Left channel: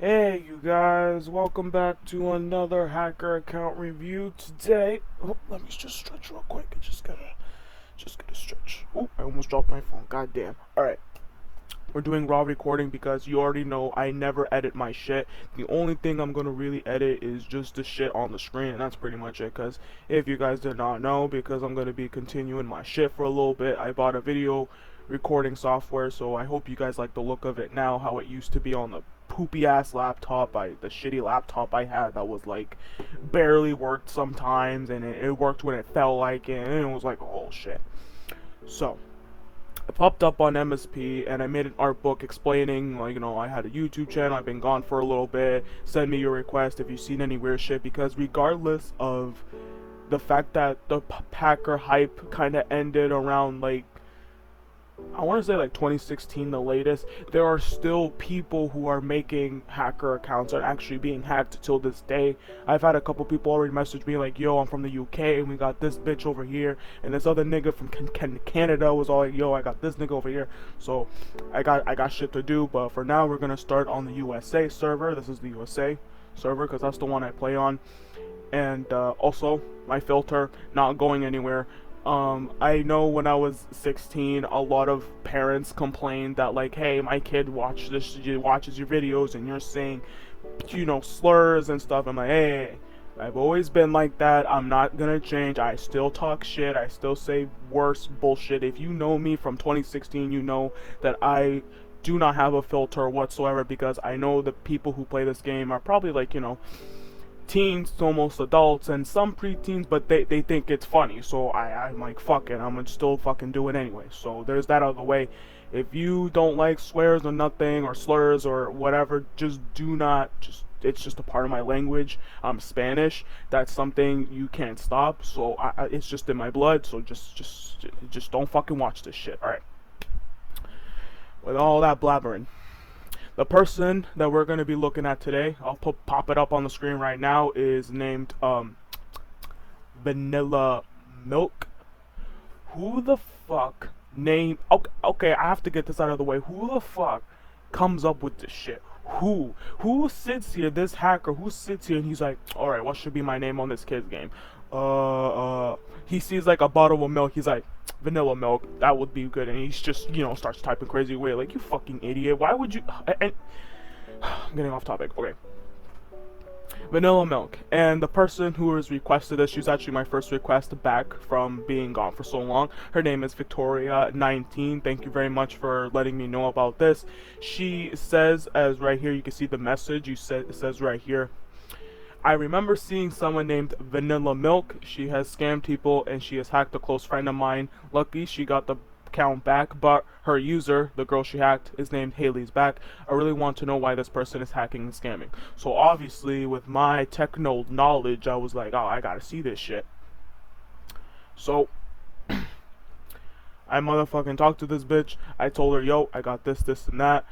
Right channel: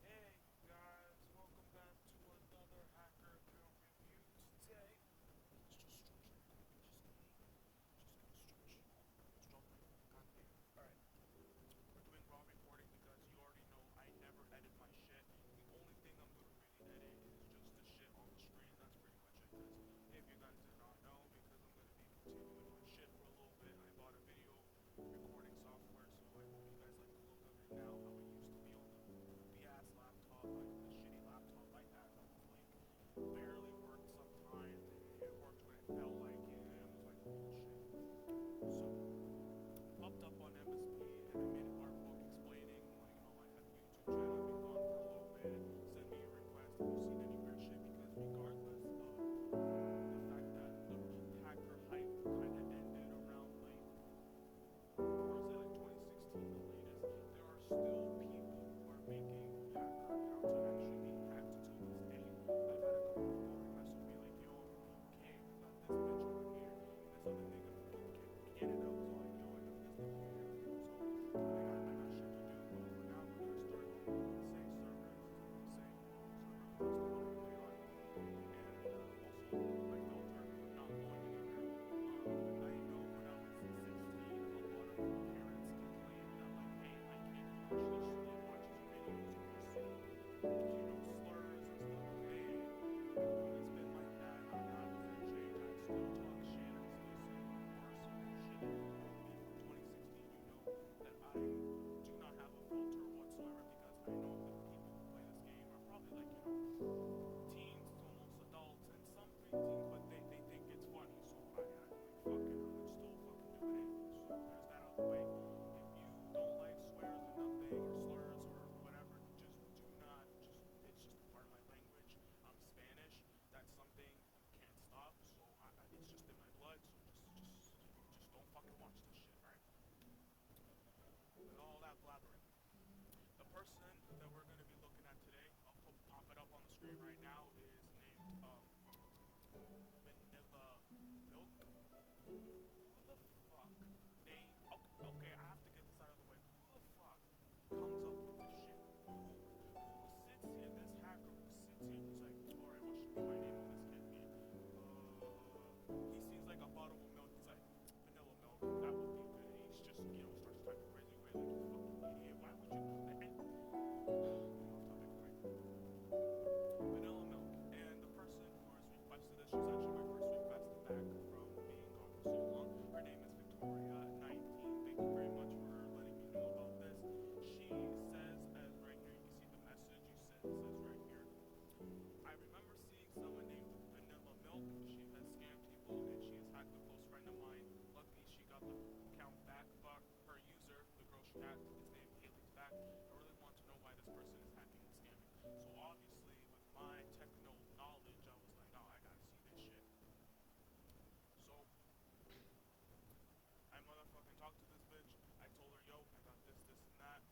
Hey you guys, welcome back to another hacker account review. Today, let me just stretch real quick. Just gotta stretch. Oh, I almost dropped my phone. God damn. All right, we're doing raw recording because you already know I never edit my shit. The only thing I'm gonna really edit is just the shit on the screen, and that's pretty much it. Cause if you guys did not know, because I'm gonna be continuing my shit for a little bit, I bought a video recording software, so I hope you guys like the look of it now, how it used to be on the poopy ass laptop, the shitty laptop I had that was like barely worked sometimes, and it worked when it felt like it, and it was like oh shit. So I popped up on MSP and I made an art book explaining, like, I had a YouTube channel, I've been gone for a little bit, send me your request if you've seen any weird shit, because regardless of the fact that the Packer hype kind of ended around, like, I want to say like 2016 the latest, there are still people who are making hacker accounts and actually being hacked till this day. I've had a couple people already message me like, yo, I'm from the UK and we got this bitch over here, and this other nigga from Canada was all like, yo, I got this nigga over here. So I got shit to do, but for now we're gonna start on the USA server. This is the USA server because that's the one I play on. And also my filter not going anywhere. I know when I was 16, a lot of parents complained that, like, hey, my kid watches your videos and you're saying, slurs and stuff. I'm like, hey, I've always been like that. I'm not gonna change. I still talk shit. I still say worse bullshit. If you know me from 2016, you know that I do not have a filter whatsoever, because I know the people who play this game are probably like, teens to almost adults and some preteens, but they think it's funny. So I'm like, fuck it, I'm gonna still fucking do it anyway. So there's that out of the way. If you don't like swears or nothing or slurs or whatever, just do not, just it's just a part of my language. I'm Spanish. That's something you can't stop. So it's just in my blood. So just don't fucking watch this shit. All right. With all that blabbering, the person that we're going to be looking at today, I'll pop it up on the screen right now, is named Vanilla Milk. Who the fuck name? Okay, I have to get this out of the way. Who the fuck comes up with this shit? Who sits here? This hacker who sits here and he's like, all right, what should be my name on this kid's game? He sees like a bottle of milk. He's like, vanilla milk. That would be good. And he's just, starts typing crazy away. Like, you fucking idiot. Why would you? And I'm getting off topic. Okay. Vanilla Milk, and the person who has requested this, she's actually my first request back from being gone for so long. Her name is Victoria19. Thank you very much for letting me know about this. She says, as right here, you can see the message. It says right here, I remember seeing someone named Vanilla Milk. She has scammed people and she has hacked a close friend of mine. Lucky she got the account back, but her user, the girl she hacked, is named Haley's back. I really want to know why this person is hacking and scamming. So obviously, with my techno knowledge, I was like, oh, I gotta see this shit. So I motherfucking talked to this bitch. I told her, yo, I got this, this, and that.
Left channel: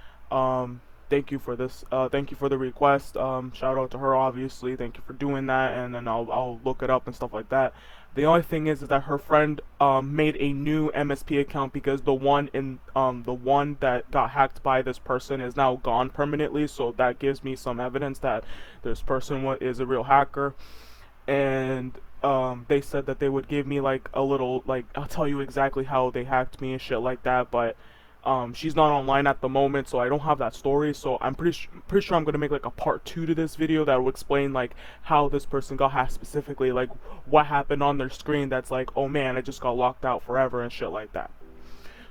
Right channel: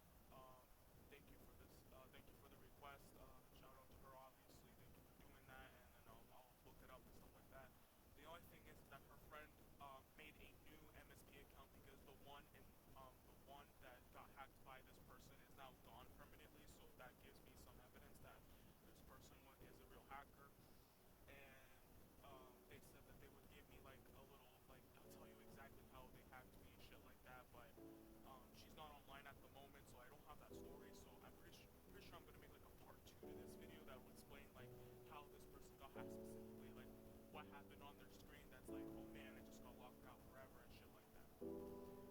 Thank you for this. Thank you for the request. Shout out to her, obviously. Thank you for doing that, and then I'll look it up and stuff like that. The only thing is that her friend made a new MSP account because the one that got hacked by this person is now gone permanently. So that gives me some evidence that this person is a real hacker. And they said that they would give me like a little, like, I'll tell you exactly how they hacked me and shit like that, but she's not online at the moment, so I don't have that story. So I'm pretty sure I'm gonna make like a part 2 to this video that will explain like how this person got hacked specifically, like what happened on their screen that's like, oh man, I just got locked out forever and shit like that.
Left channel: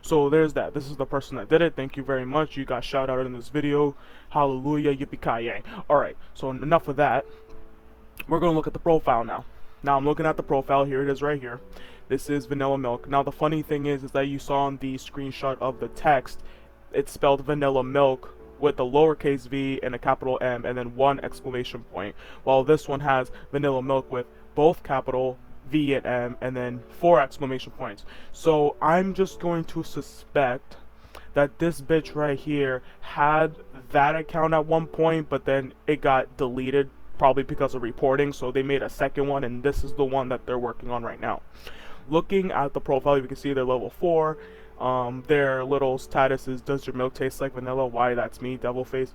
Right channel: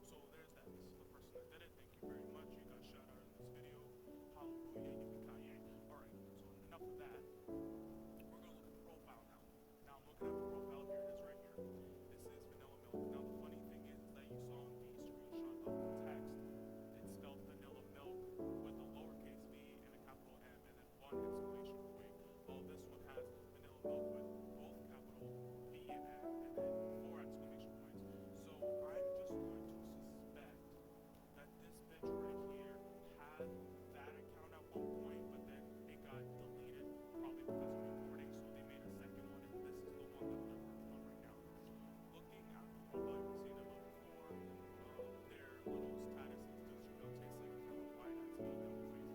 So there's that. This is the person that did it. Thank you very much. You got shout out in this video. Hallelujah, yippee-ki-yay. Alright, so enough of that. We're gonna look at the profile now. Now I'm looking at the profile. Here it is right here. This is Vanilla Milk. Now the funny thing is that you saw on the screenshot of the text, it's spelled Vanilla Milk with a lowercase v and a capital M and then one exclamation point, while this one has Vanilla Milk with both capital V and M and then 4 exclamation points. So I'm just going to suspect that this bitch right here had that account at one point, but then it got deleted, probably because of reporting, so they made a second one, and this is the one that they're working on right now. Looking at the profile, you can see they're level 4. Their little status is, does your milk taste like vanilla? Why, that's me, devil face.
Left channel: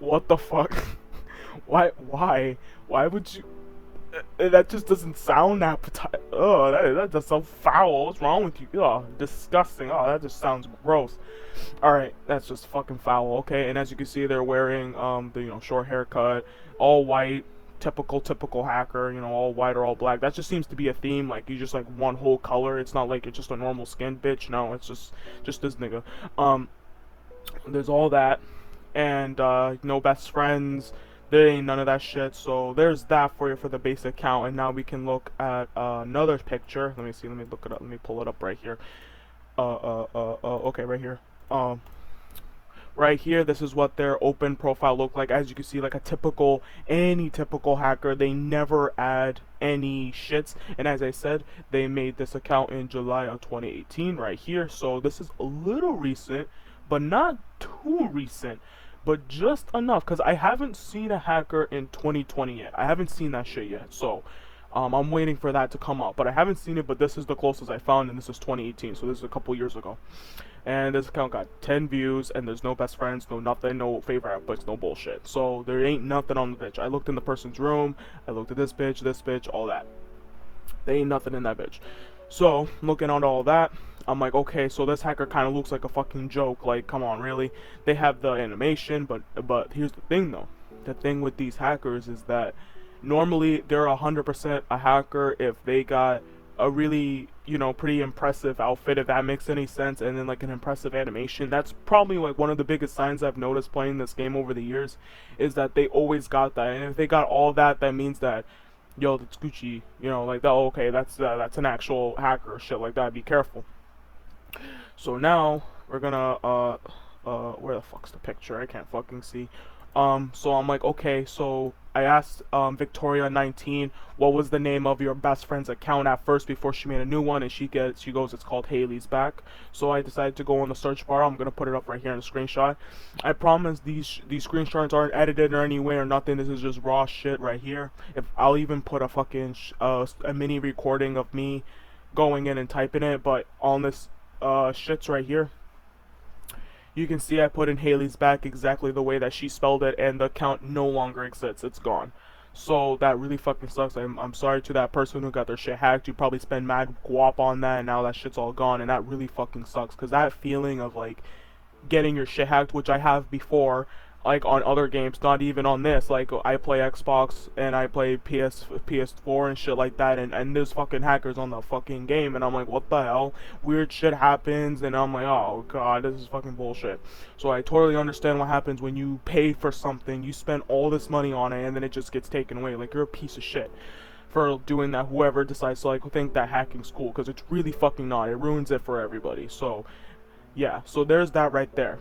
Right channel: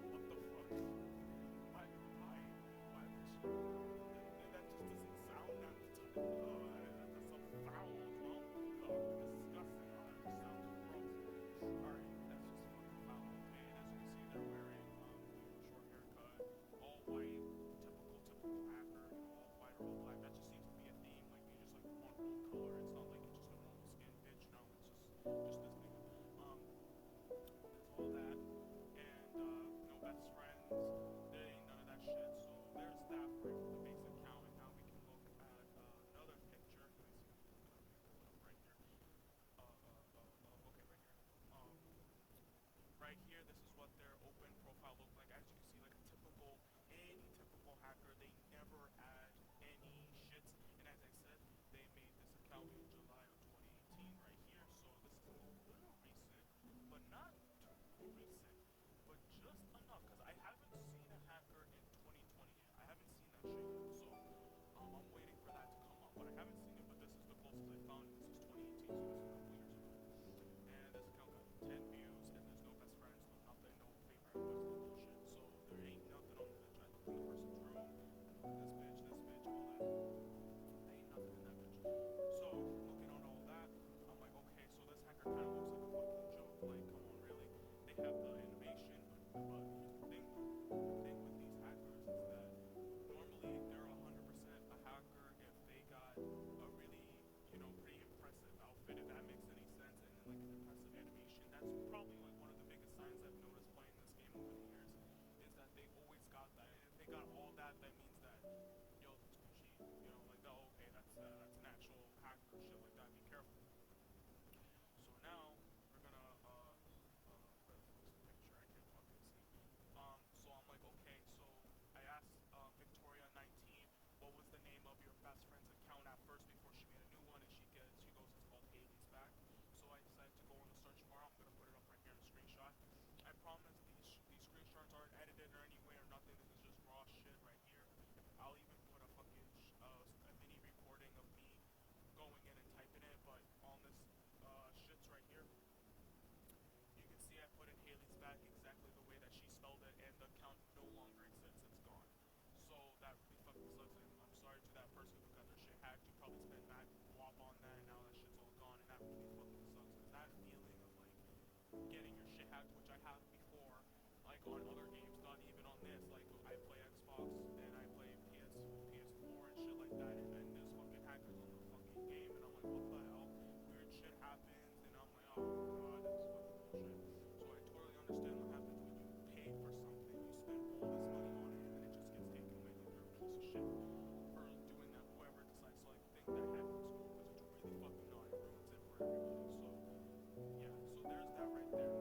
What the fuck? Why would you? That just doesn't sound appetizing. Oh, that just so foul. What's wrong with you? Oh, disgusting. Oh, that just sounds gross. All right, that's just fucking foul. Okay, and as you can see, they're wearing the short haircut, all white, typical hacker. All white or all black. That just seems to be a theme. Like you just like one whole color. It's not like it's just a normal skin bitch. No, it's just this nigga. There's all that, and no best friends. There ain't none of that shit. So there's that for you for the base account. And now we can look at another picture. Let me see. Let me look it up. Let me pull it up right here. Okay, right here. Um, right here, this is what their open profile looked like. As you can see, like any typical hacker, they never add any shits. And as I said, they made this account in July of 2018 right here. So this is a little recent, but not too recent, but just enough, because I haven't seen a hacker in 2020 yet. I haven't seen that shit yet. So I'm waiting for that to come up, but I haven't seen it. But this is the closest I found, and this is 2018, so this is a couple years ago. And this account got 10 views, and there's no best friends, no nothing, no favorite outputs, no bullshit. So there ain't nothing on the bitch. I looked in the person's room, I looked at this bitch, all that. There ain't nothing in that bitch. So looking at all that, I'm like, okay, so this hacker kind of looks like a fucking joke. Like, come on, really? They have the animation, but here's the thing though. The thing with these hackers is that normally they're 100% a hacker if they got a really pretty impressive outfit, if that makes any sense, and then like an impressive animation. That's probably like one of the biggest signs I've noticed playing this game over the years, is that they always got that. And if they got all that, that means that yo, that's Gucci, like that. Oh, okay, that's an actual hacker, shit like that. Be careful. So now we're gonna where the fuck's the picture? I can't fucking see. So I'm like, okay, so I asked Victoria19 what was the name of your best friend's account at first before she made a new one, and she goes, it's called Haley's Back. So I decided to go on the search bar. I'm gonna put it up right here in a screenshot. I promise these screenshots aren't edited or any way or nothing. This is just raw shit right here. If I'll even put a fucking a mini recording of me going in and typing it, but on this shits right here, you can see I put in Haley's Back exactly the way that she spelled it, and the account no longer exists. It's gone. So that really fucking sucks. I'm sorry to that person who got their shit hacked. You probably spend mad guap on that, and now that shit's all gone, and that really fucking sucks. Because that feeling of like getting your shit hacked, which I have before, like on other games, not even on this. Like I play Xbox and I play PS4 and shit like that, and there's fucking hackers on the fucking game, and I'm like, what the hell? Weird shit happens, and I'm like, oh god, this is fucking bullshit. So I totally understand what happens when you pay for something, you spend all this money on it, and then it just gets taken away. Like, you're a piece of shit for doing that. Whoever decides to like think that hacking's cool, because it's really fucking not. It ruins it for everybody. So yeah, so there's that right there.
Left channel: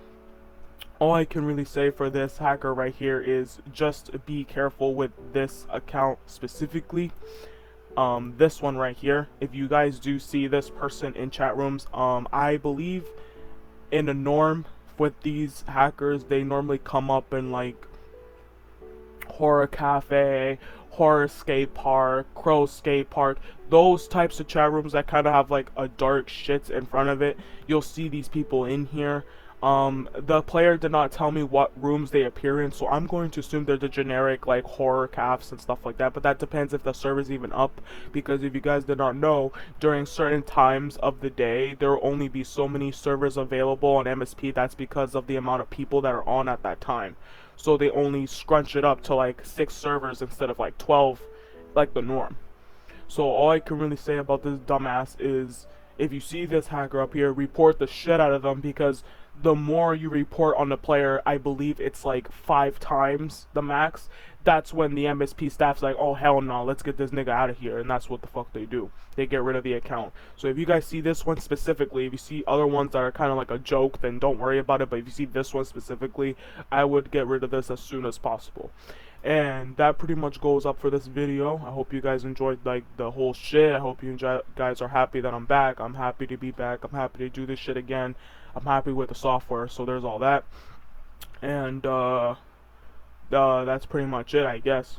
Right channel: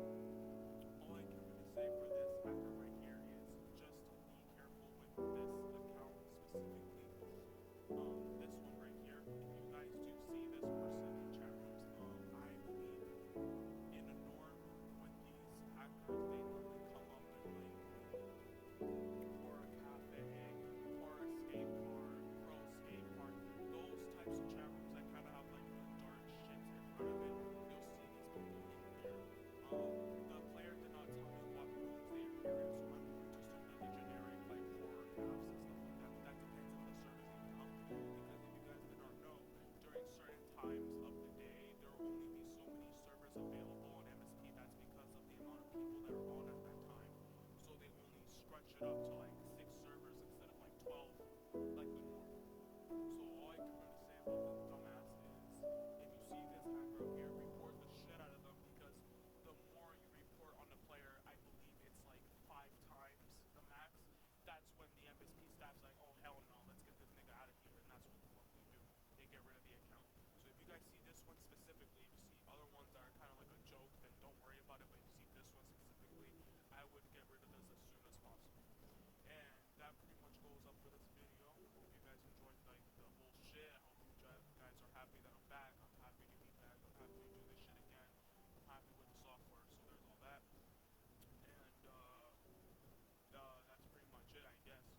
All I can really say for this hacker right here is just be careful with this account specifically. This one right here, if you guys do see this person in chat rooms, I believe in the norm with these hackers, they normally come up in like horror cafe, horror skate park, crow skate park, those types of chat rooms that kind of have like a dark shit in front of it. You'll see these people in here. The player did not tell me what rooms they appear in, so I'm going to assume they're the generic like horror cafes and stuff like that, but that depends if the server's even up, because if you guys did not know, during certain times of the day there will only be so many servers available on MSP. That's because of the amount of people that are on at that time, so they only scrunch it up to like 6 servers instead of like 12 like the norm. So all I can really say about this dumbass is, if you see this hacker up here, report the shit out of them, because the more you report on the player, I believe it's like 5 times the max, that's when the MSP staff's like, oh hell no, let's get this nigga out of here, and that's what the fuck they do. They get rid of the account. So if you guys see this one specifically, if you see other ones that are kind of like a joke, then don't worry about it, but if you see this one specifically, I would get rid of this as soon as possible. And that pretty much goes up for this video. I hope you guys enjoyed like the whole shit. I hope you guys are happy that I'm back. I'm happy to be back. I'm happy to do this shit again. I'm happy with the software, so there's all that. And that's pretty much it, I guess.